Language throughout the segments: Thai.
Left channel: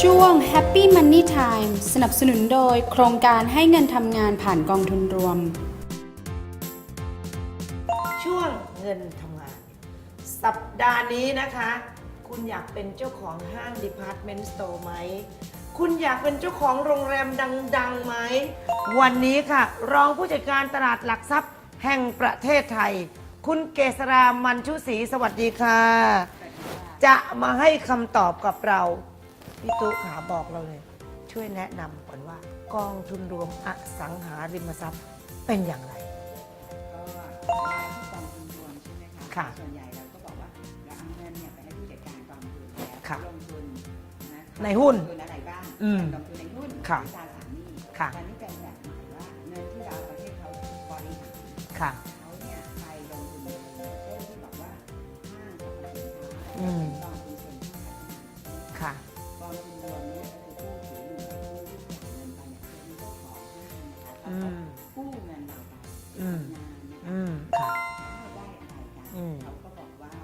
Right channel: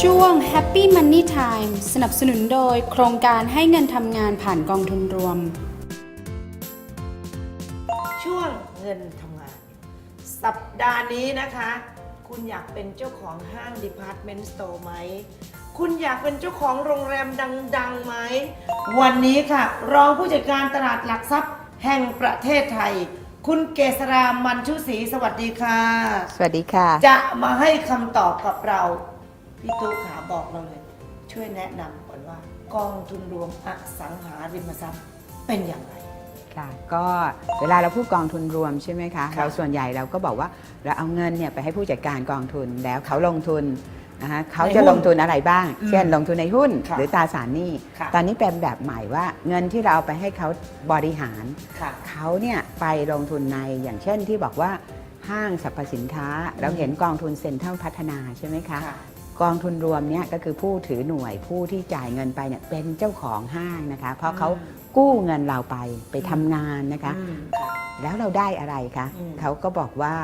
ช่วง Happy Money Time สนับสนุนโดยโครงการให้เงินทำงานผ่านกองทุนรวม ช่วงเงินทำงาน สัปดาห์นี้นะคะ คุณอยากเป็นเจ้าของห้าง Department Store ไหม คุณอยากเป็นเจ้าของโรงแรมดัง ๆ ไหม วันนี้ค่ะ รองผู้จัดการตลาดหลักทรัพย์แห่งประเทศไทย คุณเกษรามันชุศรีสวัสดีค่ะ สวัสดีค่ะ จะมาให้คำตอบกับเรา พี่ตุ๊กขาบอกเราเลย ช่วยแนะนำก่อนว่ากองทุนรวมอสังหาริมทรัพย์เป็นอย่างไร ค่ะก็เวลาเราพูดกองทุนรวมใช่ไหมคะค่ะเราส่วนใหญ่เราก็บอกว่าเราเอาเงินเนี่ยไปให้ผู้จัดการกองทุนแล้วเขาลงทุนนะคะเขาในหุ้จะนลงทุนอะไรบ้าง อืมเช่นลงทุนในหุ้นค่ะหรือตราสารหนี้ค่ะ ตอนนี้เป็นแบบใหม่ว่าเงินที่เราเอาไปให้เขาบริหาร ค่ะ เขาเนี่ยไปลงทุนในอย่างเช่นที่บอกว่าห้างสรรพสินค้า เราเห็นกองทุนเซ็นทรัลพัฒนาใช่ไหมคะ ค่ะ กองทุนรวมเนี่ยก็คือผู้ถือหน่วยผู้ที่จ่ายเงินไปเนี่ยเป็นเจ้าของห้างนะคะ เพราะเขาอืมกู้เงินเราไปไปอืมทำงานนะคะ อืม แล้วเราได้อะไรคะอืม เขาก็บอกว่า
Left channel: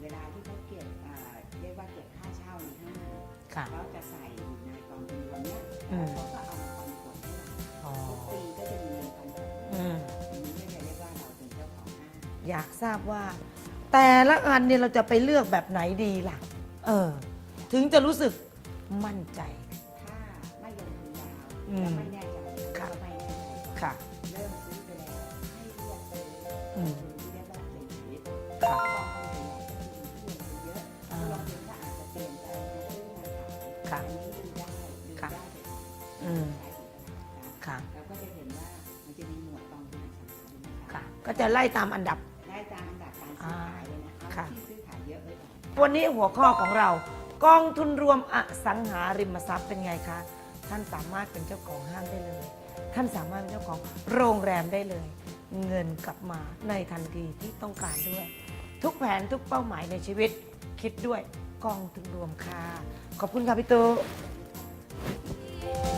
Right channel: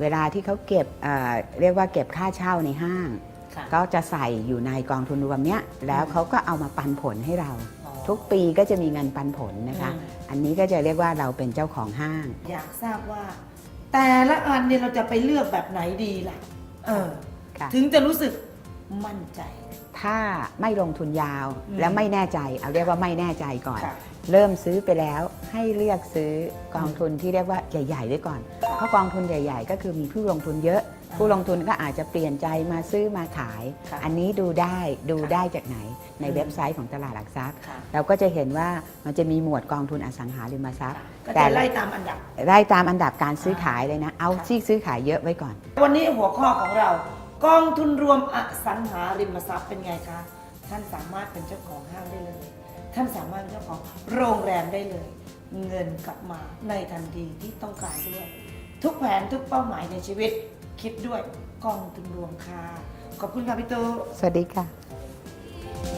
เวลาที่เขาเก็บเอ่อเรียกว่าเก็บค่าเช่าในห้าง ค่ะก็จะใส่อยู่ในกองทุนรวมเนี้ยแล้วอืมเขาก็เอามาปันผลให้เรา อ๋อทุกปีก็จะมีเงินปันผลนะคะ อืมอันนี้ก็จะเรียกว่าเราเป็นเจ้าของห้าง อยากทราบว่า แต่ละอันเนี่ยเราจะไปเลือกแบบไหนดีล่ะ เออ ค่ะ ถึงจะรู้สึก มั่นใจ ถ้าไม่ลงทุนยาวอืม และไม่แน่ใจเอาเรียกว่าไม่แน่ใจก่อน ค่ะ เริ่มซื้อไปแล้วให้เลือกซื้อกองทุนที่เรียกว่าใหญ่ๆไว้ก่อน เพราะกองทุนใหญ่ ๆ ก็คือมีผู้ลงทุนเยอะอ่าผู้ลงทุนก็อาจจะเปลี่ยนใจมาซื้อมาขาย ค่ะอันนี้ดูได้ดูค่ะได้จากไหนในอืม เว็บไซต์ของตลาดหลักทรัพย์ ค่ะเราก็จะเห็นว่ามันจะมีหมวดกองทุนอสังหาริมทรัพย์ ก็แต่จะไล่ตามอันดับ ไล่ตามอันดับการซื้อขายเลยนะ เอาค่ะ ที่ซื้อขายเยอะไว้ก่อน วันนี้หัวข้อของเรา กองทุนรวมอสังหาริมทรัพย์เป็นไงคะ ท่านสามารถเป็นเจ้าของห้างได้เลย ท่านสามารถเป็นเจ้าของโรงแรมได้เลย เงินกลับมาในทันทีที่ต้องการด้วย ทุกแผนทุกเป้าหมายในชีวิต คิดด้วยกองทุนรวมค่ะ ขอบคุณค่ะพี่ตูสวัสดีค่ะ